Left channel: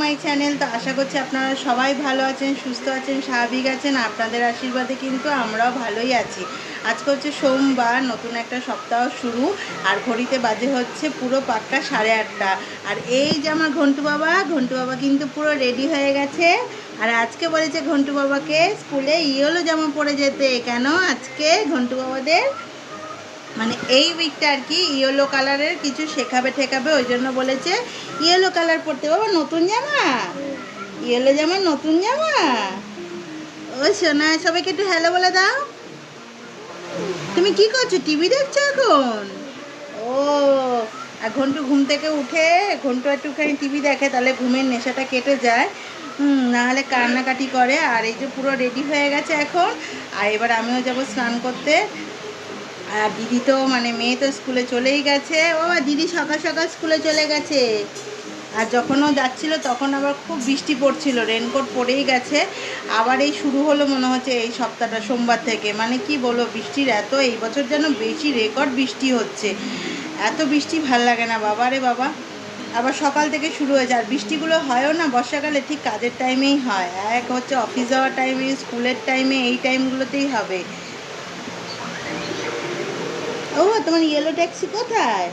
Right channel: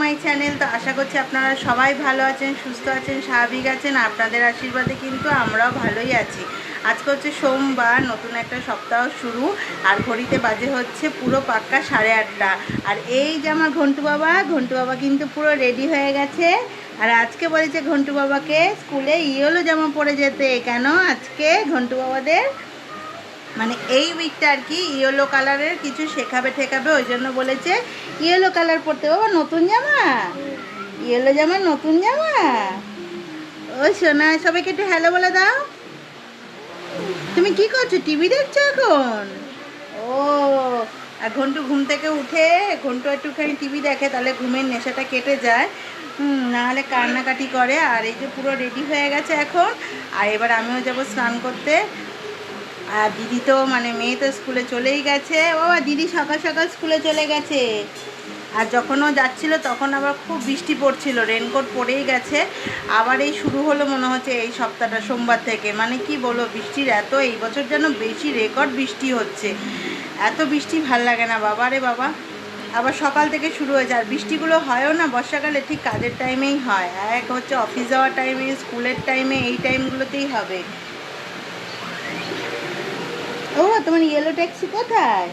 My channel. তো আশা করছি আপনারা সবাই ভালো আছেন, সুস্থ আছেন, স্বাভাবিক আছেন। আপনাদের আশীর্বাদে কিন্তু আমরাও ভালোই আছি। আজকে হচ্ছে সোমবার, নতুন একটা সপ্তাহ শুরু। আর ঘড়িতে বাজে হচ্ছে পুরো পাক্কা সাড়ে আটটা। আর এই যে আমার ঘন্টু বাবা ঘন্টু বাবা কিন্তু পুরো রেডি হয়ে গেছে। আর আজকে বলেছে ঘন্টু বাবাকে স্কুলে ইয়েলো জামা পরে যেতে। কেন আজকে ঘন্টু বাবাদের? মানে এই উইকটা আর কি ইয়েলো কালারের কিছু শেখাবে ঠেকাবে, ওই জন্য বলেছে ইয়েলো কালার পরতে বাবা নতুন জামা। ইয়েলো জামা, নতুন জামা। ওই সোনা, সবাইকে একটু হ্যালো বলে দাও। তুমি কি করছ? টিভি দেখছ এখন? ও, আর ঘন্টু ঘুম থেকে উঠে, ঘন্টু একটুখানি টিভি দেখে, তাহলে ঘুমের নেশাটা কেটে যায়। হুম নাহলে কান্নাকাটি করে, আর এই যে পুরো রেডি হয়ে গেছে এখন, আর এবার আমিও যাব স্নান করতে। আর দিদি তো মানে মেয়ে তো স্কুলে চলেই গেছে। ও দিদি সকাল সকাল স্কুলে চলে গেছে। আর যখন ও যাচ্ছিল, তখন আবার খুব বৃষ্টি পড়ছিল রেনকোট পরেই গেছে। আবার এই শুরু হলো মনে হচ্ছে এই সপ্তাহটা, সোমবার থেকে। মানে কি বলো বৃষ্টির এত এই বছর যেন বেশি রেকর্ড বৃষ্টি হচ্ছে। এত বৃষ্টি ভালো লাগে না, বাবা রে বাবা। আবার সকাল থেকে শুরু হয়েছে। আর বৃষ্টিগুলো হয়ও না, বর্ষাকালে ঠিক কাজের টাইমেই হয়। এক হচ্ছে অফিস যাওয়ার টাইমে স্কুলের টাইমে এই টাইমগুলোতেই হবে। ও, তোমার ইয়েলো ট্যাক্সি কোথায়?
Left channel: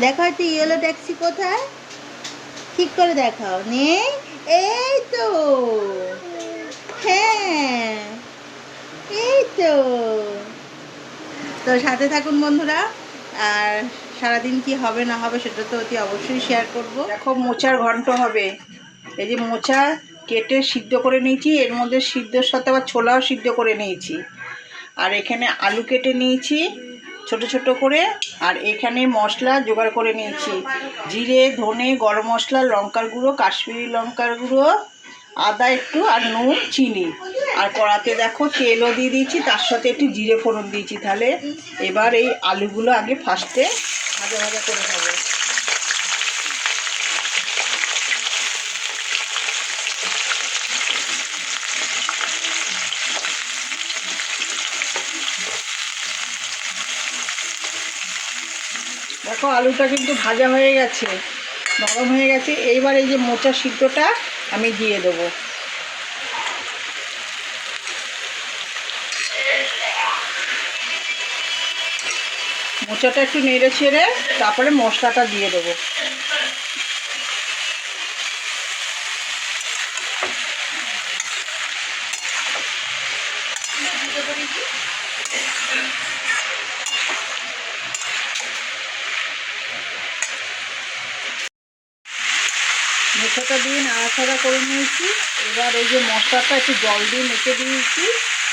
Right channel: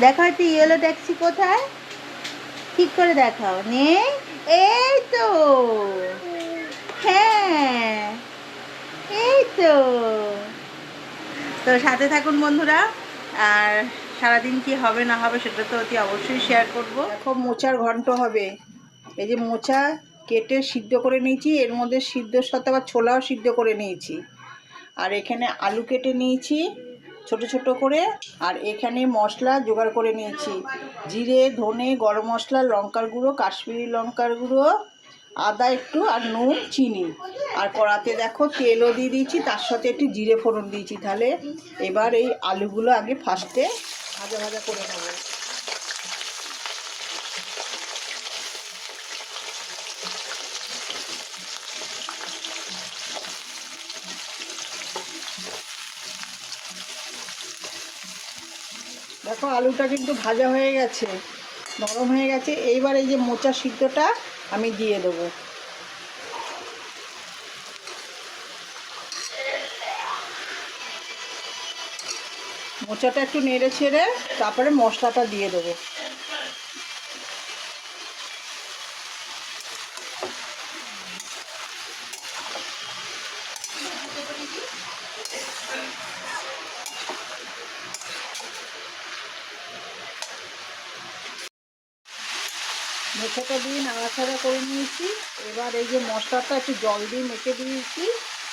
দেখাও একটু ইয়েলো ট্যাক্সি কোথায়? ঠিক করে দেখাও। নেই? এই তো। হ্যাঁ। এই তো। তো সাথে থাকুন বন্ধুরা। আর সারাদিন কি হবে না হবে সেটা তো অতি অবশ্যই শেয়ার করব। দেখো, মোচার ঘন্ট হবে। এই যে মোচা কেটে সিদ্ধ করে নিয়েছি, এর মধ্যে সিদ্ধর সাথে আবার ছোলাও সিদ্ধ করে নিয়েছি। আর এখানে আলু কেটে নিয়েছি, ছোট ছোট করে। আর এখানে মশলা জোগাড় করে নিয়েছি। জিরে, ধনে, গরম মশলা, লঙ্কার গুঁড়ো, কাশ্মীরি লঙ্কার গুঁড়ো, আদা একটু আর নুন, চিনি। আর কড়াতে দেখো তেলও দিয়ে দিয়েছি, তার সাথে একটু জিরে ফোড়ন দিয়েছি তাহলে। এবার এই আলুগুলো আগে ফার্স্টে ভাজা ভাজা করে নেব। দেখো আলুটা কিন্তু ভাজা হয়ে গেছে, নরম হয়ে গেছে। এইবার এই যে মোচা সিদ্ধটা আমি দিয়ে দেবো। মোচাটা একটু নেড়ে ছেড়ে তারপরে মশলাটা দিয়ে দেবো মোচাটা দিয়ে নাড়াচাড়া করে নিয়েছি। এবার এই যে মশলাটা একটু জল দিয়ে মেখে দিয়েছি।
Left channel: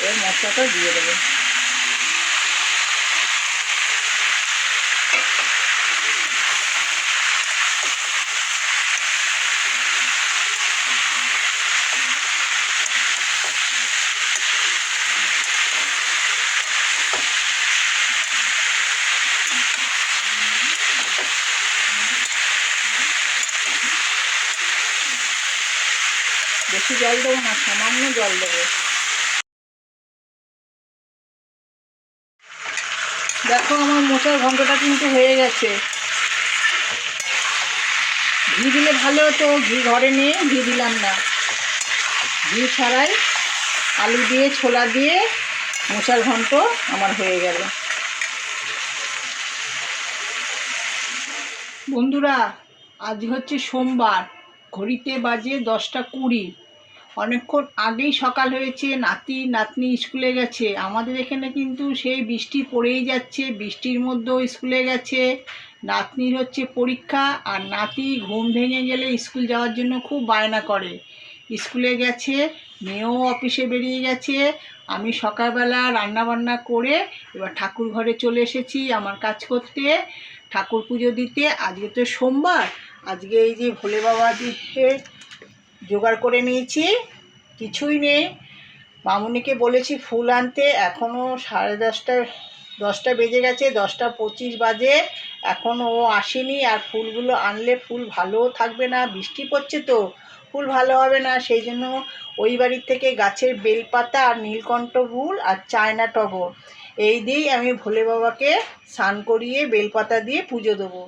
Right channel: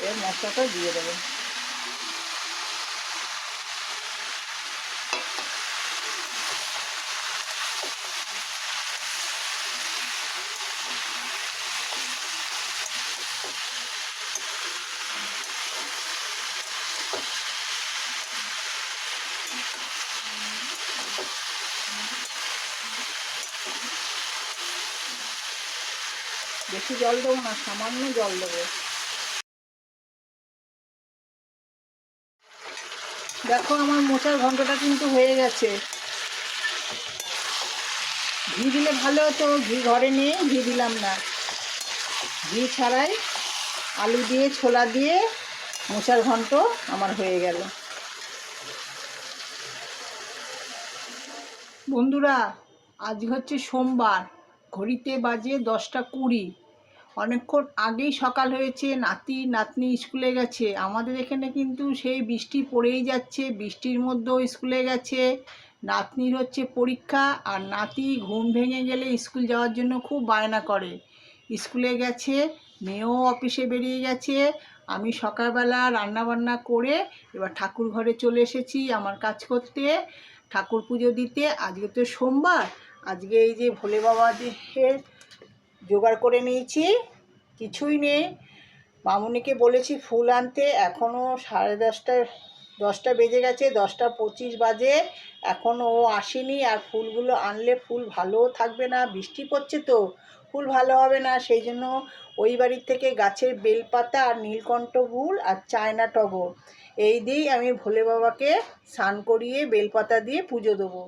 এবার মশলাটা দিয়ে দেবো। বেশি জল দেবো না, সামান্য জল দেবো। দেখো আমার মোচার ঘন্টটা কিন্তু হয়ে গেছে। ঘি দিলে ভালো হতো, ঘি ঘরে নিয়ে ঘি দিলাম না। ঘি ছাড়াই আলু দিয়ে, ছোলা দিয়ে মোচার ঘন্ট আমার হয়ে গেল। বন্ধুরা, আজ হচ্ছে সোমবার, ঘড়িতে বাজে দশটা কুড়ি। অনেকক্ষণ আগেই সকাল হয়েছে, নাতি, নাতনি স্কুলে গেছে। আমাদের এখানে কিন্তু সেই বৃষ্টি পড়েই যাচ্ছে, বৃষ্টির মধ্যেও স্কুলে গেছে। নাতনির হচ্ছে পরীক্ষা আর নাতি ঘুম ভেঙে গেলে স্কুল যাওয়ার জন্য খুব বায়না করে। স্কুলে গেছে, মেয়েও অফিসে বেরিয়ে গেছে। আমি সকালবেলা রান্না বান্না করে এবার ঠাকুর ঘরে চলে এসেছি আমার কাজ করতে। ঠাকুর পুজো দিতে। আজকে তো সোমবার, আজকে এই যে ভোলে বাবা বাবাদের জোগাড় করে নিয়েছি, কিছুই নেই। মামুনিকে বলেছি ফুল আনতে এখনও সাড়ে দশটা দশটা বেজে গেছে, দশটা পঁচিশ বাজে। এখনও ও আসেনি আর ফুলগুলো আনলে ফুল ভালোও থাকবে না, বৃষ্টি পড়ছে তো, ফুল ভালো হবে না। সেই জন্য ওই বাড়ির থেকে গাছের বেলপাতা আর নীলকণ্ঠ ফুল আর চায়না টগর, এই দিয়েই আমি ভোলে বাবাকে স্নান করিয়ে বেলপাতা দিয়ে পুজো দেবো।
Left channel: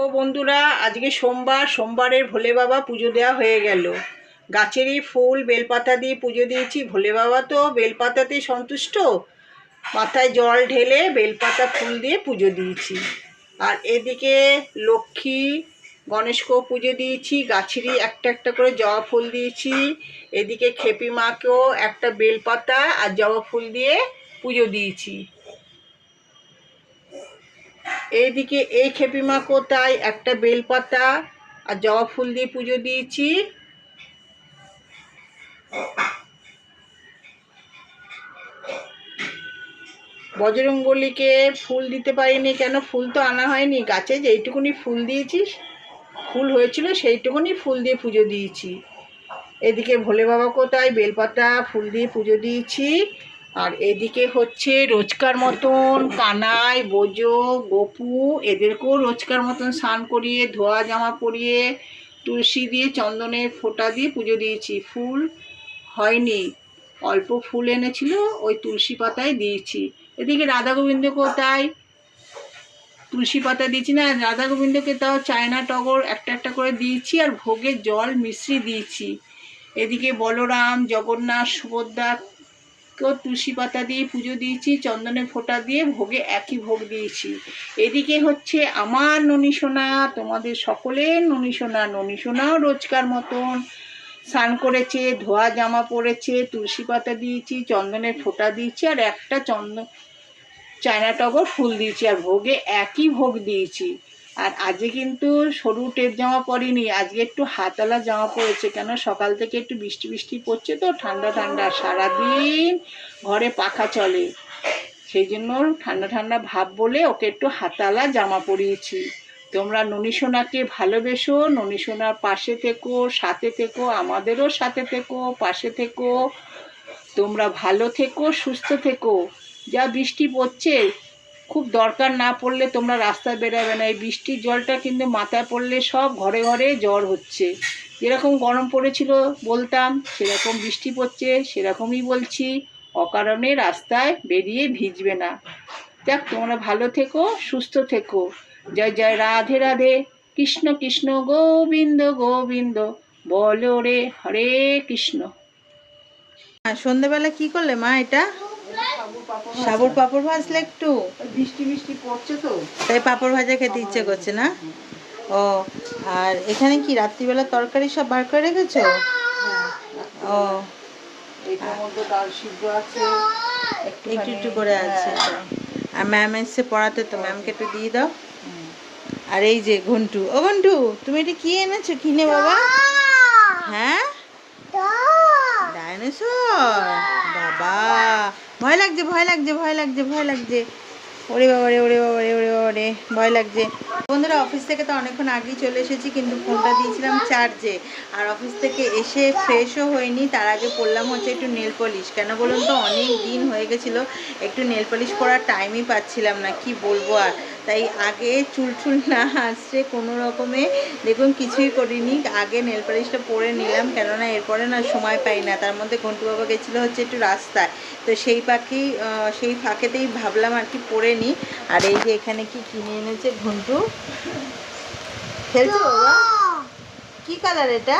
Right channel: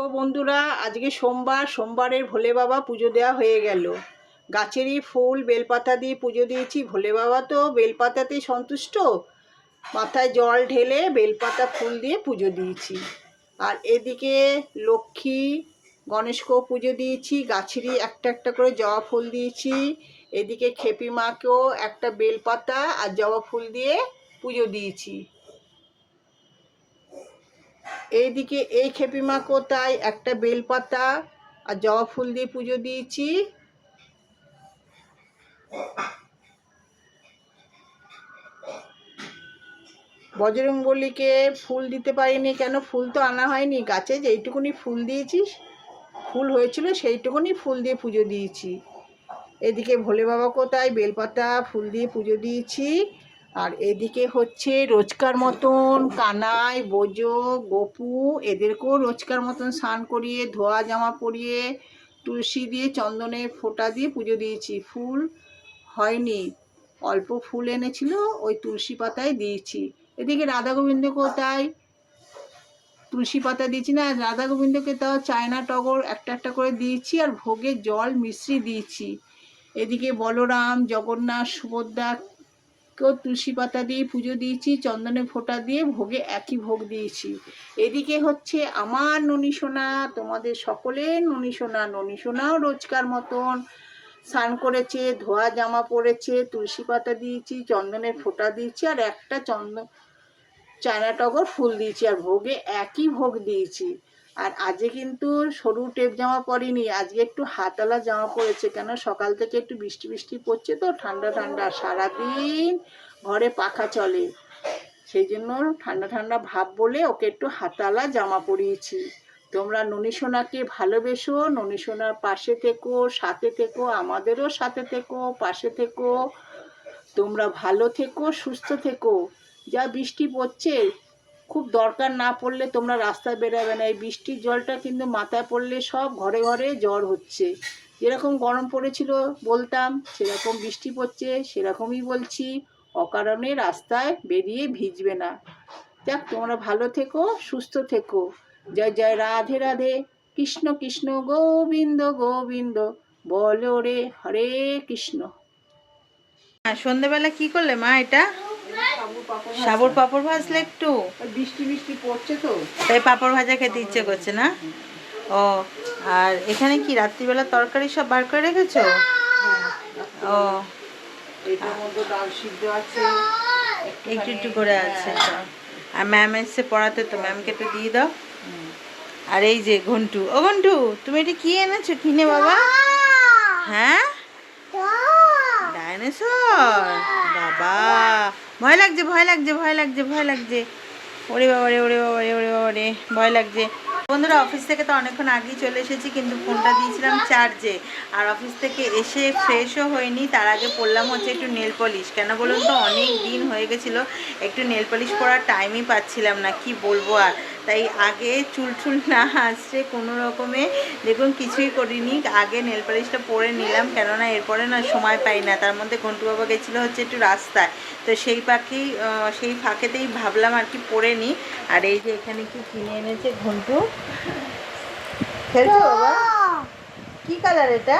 দেখো বন্ধুরা, আজকে সোমবার, সোমবারের ভোলে বাবা পুজো দেওয়া হয়ে গেল। গাছেরই ফুল, বেলপাতা দিয়ে পুজো দিয়েছি। ভোলে বাবা তো বেলপাতাতেই সন্তুষ্ট। মাথায় জল ঢেলে বেলপাতা ফুল দিয়ে পুজো দিয়েছি। আর এদিকে লক্ষ্মী, গণেশকেও পুজো দিয়েছি। গাছেরই একটা একটা করে জবা ফুল দিয়েছি। এদিকে খেপি মাকেও একটা বেলপাতা আর জবা ফুল দিয়ে পুজো দিয়েছি। এইদিকে এই খেপিমা কোথায় একটা বেলপাতা আর জবা ফুল দিয়ে পুজো দিয়েছি। বজরঙ্গলিকে ফুল দিতে পারিনি কেন? ফুল তো আনা হয়নি। গাছে যেইটুকুনি ফুল দিয়েছিস ফুল হয়েছিল সেইটুকুনি ফুল দিয়ে পুজো দিয়েছি। এদিকে ভোলে বাবা কোথায় বেলপাতা ফুল দিয়ে পুজো দিয়েছি। আর এদিকে হচ্ছে রোজকার মতন কানাই, বোজো, গপু, এদেরকেও রোজকার মতন স্নান করিয়ে, ধোয়া জামা পরিয়ে, তুলসী দিয়ে, চন্দনের ফোঁটা দিয়ে পুজো দিয়েছি। ফুল হয়নি। অল্প ফুল এনেছিল, ওই তুলসী পাতায় দিয়েছি। এদিকে রাধা গোবিন্দকেও তাই তুলসী পাতা দিয়েছি না, রাধা গোবিন্দকে তাও চায়না টগর একটা একটা করে দিয়েছি আর ভোগের জল মিশ্রি দিয়েছি। এদিকে বলরাম, জগন্নাথ, সুভদ্রা কেউ তুলসী পাতা দিয়ে পুজো দিয়েছি, চন্দনের ফোঁটা দিয়ে ভোগে একই ভোগ দিয়েছি। এদিকে হচ্ছে আমার ননীসোনা তোমাদের সকলের ননীসোনা ননীসোনাও রোজকার মতন স্নান করেছে, ধোয়া জামা পরেছে, তুলসী পাতা দিয়েছি, চন্দনের ফোঁটা দিয়েছি, আর একটা চন্দন চায়না টগর ফুল দিয়েছি, আর ভোগে একই ভোগ দিয়েছি। আর আজকে কিন্তু সরু টেপ জামা পরিনি। আজকে একটু হাতালা জামা পরেছে কেন সকাল থেকে একটু বৃষ্টি বৃষ্টি পড়ছে তো, ঠান্ডা ঠান্ডা। সারাদিন ঘরে পাখা চলে। সেই জন্য ঠান্ডা ঠান্ডা ভাব বলে ওকে একটু হাতালা জামা পরিয়েছি। তোমরা ননীসোনাকে ভালোবেসো ননীসোনার পাশে থেকো, সাথে থেকো, আমাদেরও সাথে থেকো, পাশে থেকো। তোমরা ভালো থেকো, সুস্থ থেকো। যা বৃষ্টি পড়ছে খুব দরকার না পড়লে তোমরা রাস্তায় বেরোবে না। এই বৃষ্টির জলটা কিন্তু মাথায় পড়লে সব ঘরে ঘরে জ্বর হচ্ছে। যেরকম গরম পড়েছিল বলতাম, সেরকম বৃষ্টি পড়ছে, সেরকমই বলছি। অকারণে রাস্তায় বেরিয়ে ভিজবে না। যাক, তোমরা ভালো থেকো, সুস্থ থেকো। জয় জয়, রাধে রাধে। কৃষ্ণ কৃষ্ণ, গোবিন্দ গোবিন্দ। বলো রে, হরে কৃষ্ণ। আর সন্ধেবেলা কি করলে মা এটা? সাবুর পাপড় ভাজলে একটু? বৃষ্টি বৃষ্টি পড়ছে তো। তাই পাপড় ভাজা খেতে ইচ্ছে করছে না? ও আর এখানে কি রাত্রিবেলা তরকারি সব বার করে রেখেছো? ও এটার মধ্যে ডাল সিদ্ধ আছে একটু একটু করে আছে আর ম্যাম এসছে পড়াতে তো ম্যামকে একটু দিয়ে দাও। আর এই যে ঘন্টু ও ঘন্টু তুমি এটা কি এনেছো কিনে বাবা? হ্যাঁ? ডাইনোসর বাবা, ভয় লাগছে ভয় লাগছে ভয় লাগছে ভয় লাগছে। ওরে বাবা রে ওরে বাবা রে ওরে বাবা রে ভয় লাগছে। বন্ধুরা, অফিস থেকে তো অনেকক্ষণ আগেই চলে এসেছি, কিন্তু ফোনটা দিয়েছিলাম চার্জে। আর অফিস থেকে এসে ফ্রেশও হয়নি, তার আগে পড়লাম হচ্ছে একটু নেল পলিশ। কেন বলুন তো, অনেক দিন হয়ে গেছিল, একটু নেল পলিশ পরার টাইমই পাচ্ছিলাম না, কি বলব আর। তাই আগে চুল টুল না আসছে কোনো রকমে দেখুন কিছুই করিনি। আগে নেল পালিশটা পরে নিলাম কেননা এরপরে না সময় পাই না। তার মধ্যে ঘন্টু বাবা গেছিল হচ্ছে একটু রাস্তায়। তো সেই পাখি সেই ফাঁকেতেই ভাবলাম আর কি পরে নিই আর এই যে এখানে কি কিনে এনেছে ঘন্টু? খেলছো বাবা? কি কালার এটা?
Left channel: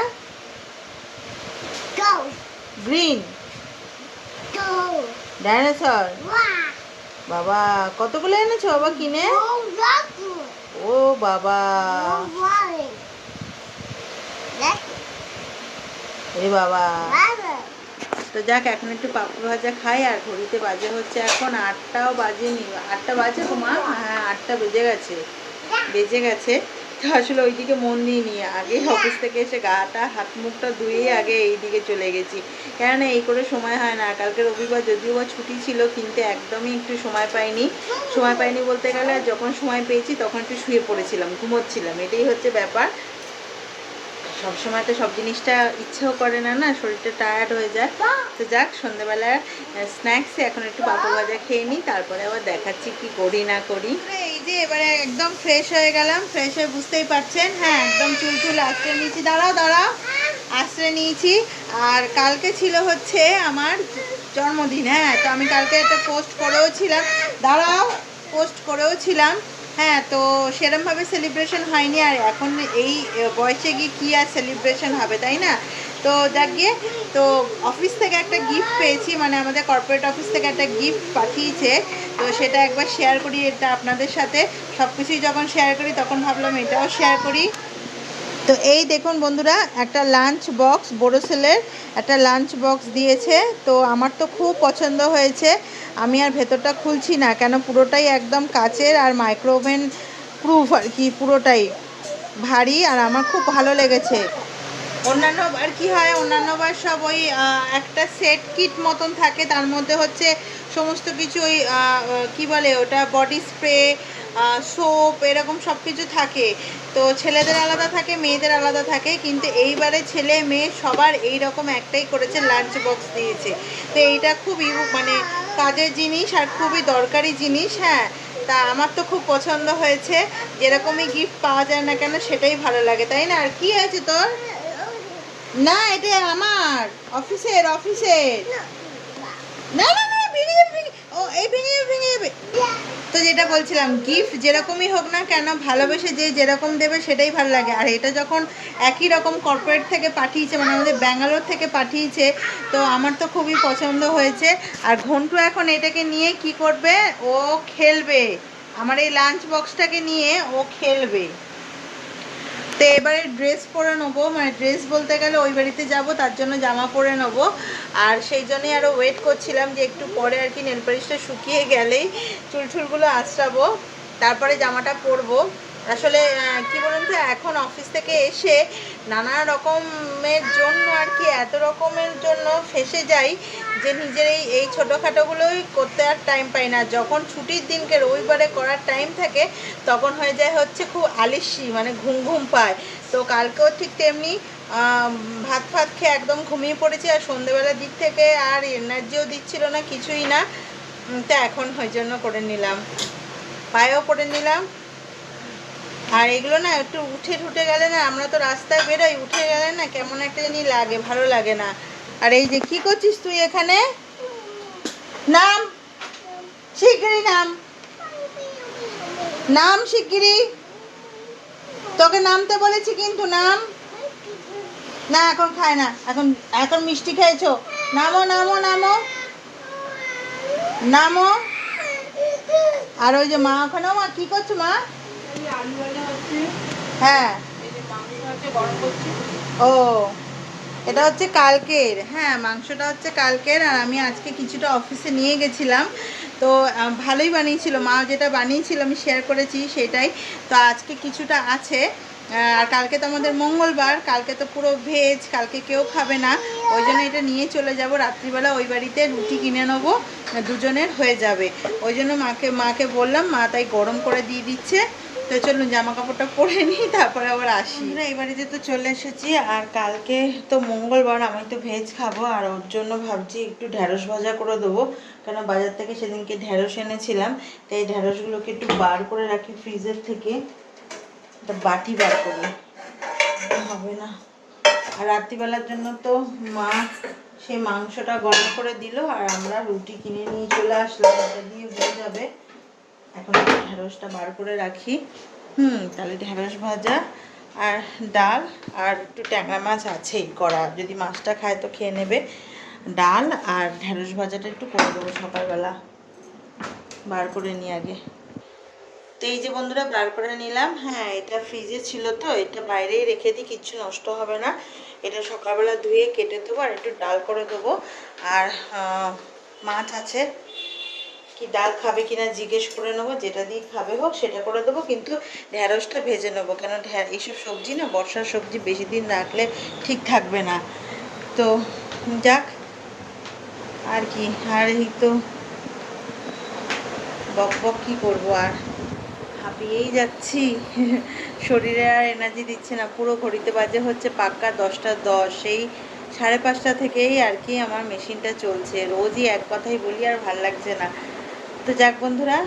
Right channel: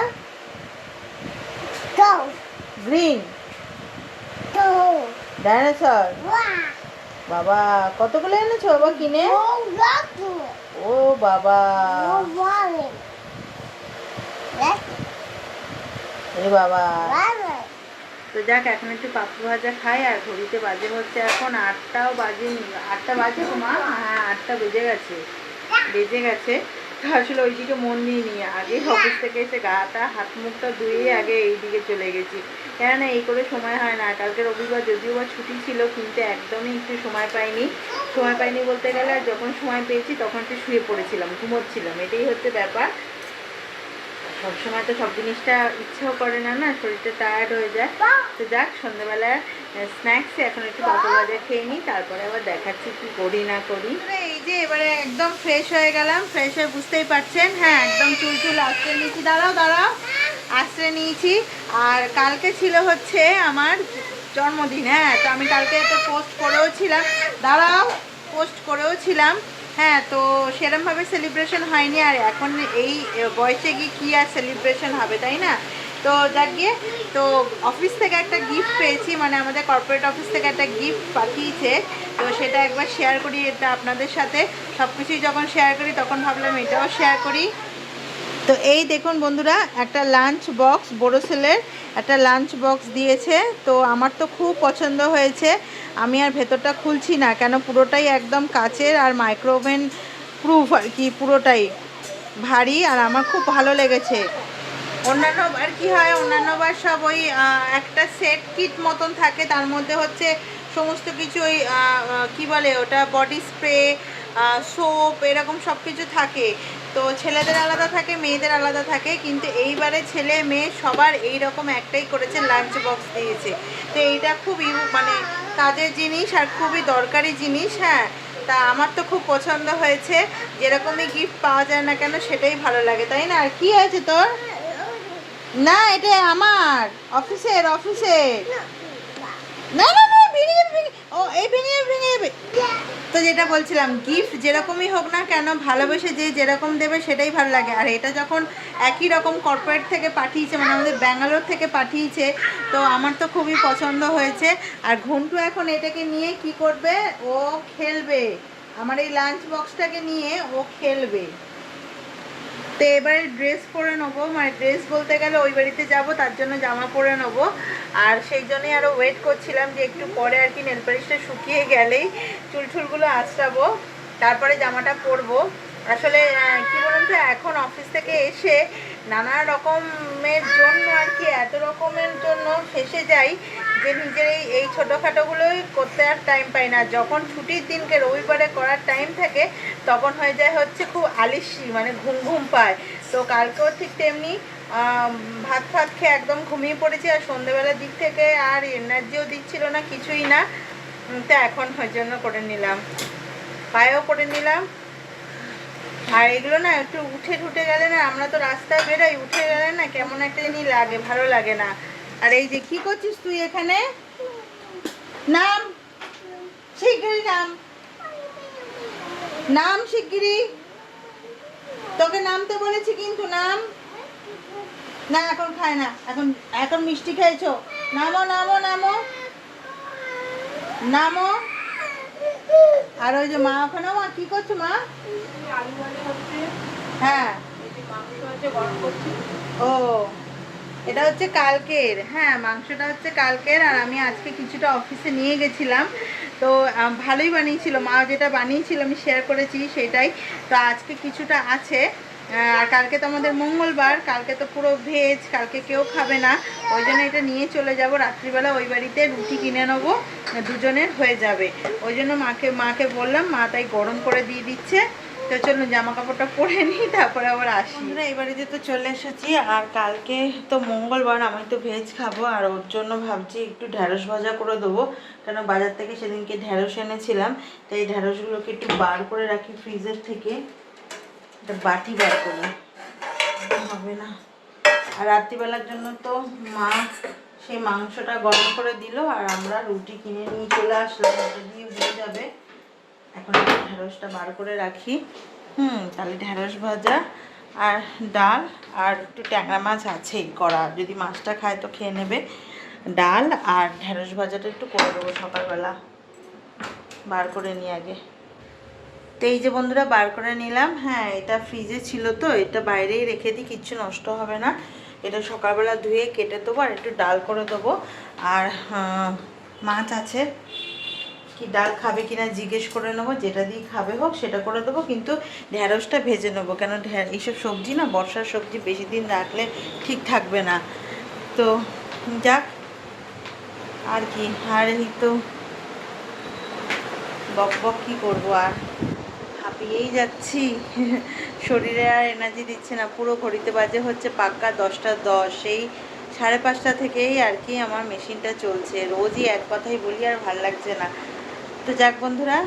গ্রিন। ডাইনোসর। বাবা, কতগুলো এনেছো বাবা কিনে? ও বাবা। এ বাবা। তো যাক, এখন একটু পাপড় ভাজা খাই, আর ঘড়িতে বাজে হচ্ছে এখন আটটাও বাজেনি। আটটা বাজে তো মা? হ্যাঁ আটটা বেজে গেছে। বেজে গেছে। তো আসলে ওইদিকে মন দিয়ে নিয়ে আগে অফিস থেকে এসে গাটা, হাত মুখটা ধুয়ে আগে এই দিকে চলে গেছি। কেননা এই করে সময় হয় না। কালকে রবিবার যদিও বা ছুটি ছিল, কিন্তু একদমই একটু সময় পাইনি। সময় পাইনি বলতে গেলে যখন সময় পেয়েছি তখন একটু শুয়ে পড়েছিলাম, ঘুমোচ্ছিলাম। এটাই হচ্ছে ব্যাপার। সবসময় তো সব জিনিসটা ইচ্ছেও করে না না? শরীরটা টায়ার্ড হয়ে যায়। তো যাক সন্ধ্যেবেলা স্ন্যাক্সে এখন একটু পাপড় ভাজা খেয়ে নিই, তারপরে আবার দেখাচ্ছি কি করি, না করি। যে এবারে একদম ফ্রেশ হয়ে গেলাম ফ্রেশ হয়ে বুঝতেই পারছেন। হ্যাঁ একদম চুল চুল আশ্রয় নিয়েছি। দাঁড়াও দাঁড়াও। আশ্রয় নিয়েছি। আর কালকে ছিল হচ্ছে আমার জন্মদিন হ্যাঁ তো আমি কালকে একটা পোস্ট করেও ছিলাম। দাঁড়াও পোস্ট করেও ছিলাম। হ্যাঁ তো সেরমভাবে সেলিব্রেশন হয়নি। আর এখন এই বয়সে গিয়ে কী আর সেলিব্রেশন হবে, তাই না? তো যাক গিয়ে তো অফিস থেকে একটা গিফট পেয়েছি মানে আমাদের কর্পোরেট অফিস থেকে একটা গিফট পাঠিয়েছে, তো সেটা একবার শেয়ার করি, এটা আপনাদের সাথে। সব কিছুই যখন শেয়ার করি, তখন ভাবলাম এটাও শেয়ার করি। তো এই দেখুন বন্ধুরা, একটা লাঞ্চ বক্স বড় সেলের একটা লাঞ্চ বক্স দিয়েছে, তো আমার তো খুব পছন্দ হয়েছে। আমি আর ভেতরটা খুলছি না, কেন পুরোটাই একদম কাচের আর মাইক্রোওভেন প্রুফ আর কি, পুরোটাই ভারী আর আমার খুব ভালো লেগেছে। অন্যান্য আর কি হয়, অন্যান্য বার সব ওই একটা সেট কিট মতন থাকে। তার মধ্যে হচ্ছে সমস্ত কিছু ওই কি বলে ওটা বডি স্প্রে সোপ এরকম সব কিছু থাকে। তো ছেলেদের আলাদা থাকে, মেয়েদের আলাদা থাকে। কিন্তু এইবারে ছেলে মেয়ে সবার এই রকম একটাই করেছে লাঞ্চ বক্স দিয়েছে। তো এইটা খুব মানে কাজের জিনিস আর খুবই দরকারি জিনিস হ্যাঁ। তা আমার তো খুব পছন্দ হয়েছে। যেরকমই গিফট পাওয়া যায় না কেন, সেটাই ভালো লাগে, তাই না? আর কি আছে তোর? না এটা আমার। অফিসের অফিসের। না না না। ভিনিয়ে ও এই ভিনিয়ে ভিনিয়ে তো যেটা বলছিলাম গিফট যেরকমই হোক না কেন ভালোবেসে যে যেরকম দেবে সেটাই ভালো লাগে। আর এটা যখন একই রকম কর্পোরেট থেকে পাঠিয়েছে মানে আমাদের ব্যাঙ্গালোর থেকে পাঠিয়েছে তো আমার তো খুবই পছন্দ হয়েছে। আর ঘন্টু এখন এটাকে নিয়ে কি করবে? ও খেলবে। আমার এই লাঞ্চ বক্সটাকে নিয়ে ও খেলবে। তো এবারে ড্রেস পরে নেব। মানে ড্রেস বলতে গেলে ওই বাড়িতে যাব, তার জন্য জামা পরে নেব। আর সেই জন্যই আরও ওয়েট করছিলাম যে একটু পরে আর কি নেল পালিশটা শুকিয়ে গেলেই চুল চুলগুলো আঁচড়াবো, তারপরে জামাটা পরবো। আসলে কি বলুন তো, এখন অফিস থেকে এসে নানা রকমের জন্য আর কি, এত রকমের জন্য ফেসে যাই যে নিজের এই এই ছোটোখাটোগুলোই করতে আর টাইম পাই না। যখন ছুটির দিনকে রবিবারে করার টাইম থাকে, তখন হয়ে যায় হচ্ছে খুব আলিসি মানে ঘুম ঘুম পায়। তো কালকেও ঠিক তেমনি ভাত ফাত খেয়ে একদম ঘুমিয়ে পড়েছি, আর সন্ধেবেলার দিক থেকে আর এনার্জিও দিচ্ছিল না, কিছুই না। তা এখন ওই জন্য করে নিলাম। পায়েও করে নিলাম। আর এগুলো না একটু উঠে ঠুটে গেলে না, আমরা তো রাস্তায় বেরোই, উঠে গেলে না কেমন একটা জিনিস লাগে, ভালো লাগে না। আর এই যে কি করছিস তুই এখানে? নাম? শিগগিরি নাম। নাম শিগগিরি তোকে নামতে বলেছি কিন্তু নাম? না এখন খায় না। এখন এখন মিষ্টি খেয়েছো। নামো নামো নামো। নামো। আর ওই যে মা ওখানে মা কি করছ মা? হ্যাঁ। ও। এটা হচ্ছে কালকের হ্যাঁ মাংসটা হচ্ছে কালকের, আর আমি আজকে কিছুটা অফিসে নিয়ে গেছিলাম। তো ভালোই বানিয়েছিল, মা যেটা বানিয়েছিল আমি শেয়ার করেছি সেটাই। তো আজকে কিছুটা আছে আর কালকে তো আমাদের মঙ্গলবার, কালকে তো পুরো ভেজ কালকে কেউ খাবে না। ওই জন্য এটা নিয়ে চলে যাব, রাত্রিবেলা ওই বাড়িতে রুটি কিনে নেব, দুজনের হয়ে যাবে। ওই জন্য মাকে মাকে বললাম, মা তাই গরম করে দিয়ে দিচ্ছে। তো চলুন জামা কাপড়টা পরে নিই, তারপরে আবার আসি। আমরা এই বাড়িতে তো চলে এসেছি, আর কালকে তো মঙ্গলবার আমি তো ভেজ খাব, আর ওর জন্য ভাবছি একটু ঢ্যাঁড়স ভাজা করে দেবো, কেন বাজার থেকে সেদিনকে ঢ্যাঁড়স এনেছিলাম, তো এই ঢ্যাঁড়সগুলোকে একটু বার করে রাখি ফ্রিজের থেকে, একটা বাটি বার করি। হবে না। আর রাত্রিবেলার জন্য তো মা সেই মাংসটা গরম করে দিল, আর আমরা রুটি কিনে নিয়ে চলে আসলাম, ওটা দিয়ে হয়ে যাবে। এখন ঢেঁড়সটা বার করে রাখি। হুম, তাহলে ঢেঁড়স ভাজা আর ডাল আর একটু ট্যাংরা মাছ আছেই করা যদি মাছটা খায় তো খেয়ে নেবে। ডাল আর ঢেঁড়স ভাজাটা একটু করে দেবো সকালবেলা। বার করে নিই আগে। তো এই যে বন্ধুরা, বার করে নিলাম। হ্যাঁ এটা ফ্রিজে ছিল তো, এটা বাইরেই রেখে দিই, কিচ্ছু নষ্ট হবে না। এটা সকালবেলা ধুয়ে কেটে দেবো আর একটু ডাল করে দেবো। আর মাছ আছে। কি ডাল খাবে কিনা জিজ্ঞেস করে নেব, যেটা দিয়ে খাবে হোক সেটা করে দেবো, কিন্তু ঢ্যাঁড়সটা ভেজে নেব। কেন ঢ্যা এইসব সবজি না, বর্ষার সবজি বেশি দিন রাখলে ঠিক থাকবে না। তো যাক, আর কি, আর এই তো বক বক কী করব আর? হাঁপিয়েই যাচ্ছি। শরীরে আর এনার্জি দিচ্ছে না, পুরো ঘড়িতে বাজে হচ্ছে পাক্কা দশটা দশ। এই সাড়ে পাঁচটা থেকেই আর কি আমার মেশিনটা চলছে। রোজই এক কথাই বলি, আর ভালো লাগছে না। তো যাক বন্ধুরা,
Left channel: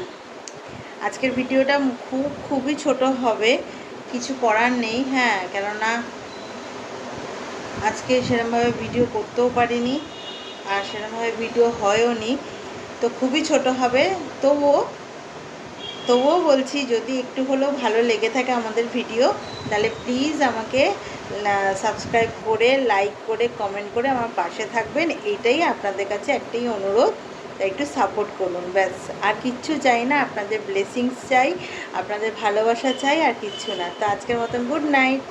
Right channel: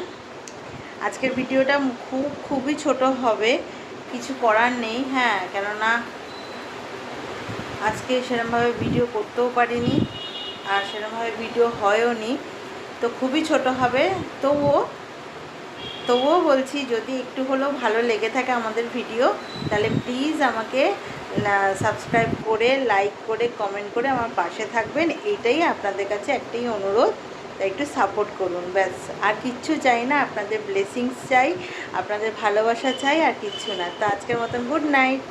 আজকের ভিডিওটা খুব, খুবই ছোট হবে, কিছু করার নেই হ্যাঁ কেননা আজকে সেরমভাবে ভিডিও করতেও পারিনি, আর সেরমভাবে ভিডিও হয়ও নি, তো খুবই ছোট হবে, তবুও তবুও বলছি যদি একটু হলেও ভালো লেগে থাকে আমাদের ভিডিও, তাহলে প্লিজ আমাকে সাবস্ক্রাইব করে লাইক করে কমেন্ট করে আমার পাশে থাকবেন, এটাই আপনাদের কাছে একটাই অনুরোধ। একটু সাপোর্ট করুন, ব্যাস। আর কিচ্ছু চাই না, আপনাদের ব্লেসিংস চাই, আপনাদের ভালোবাসা চাই, আর কিচ্ছু না। তো আজকের মতন গুড নাইট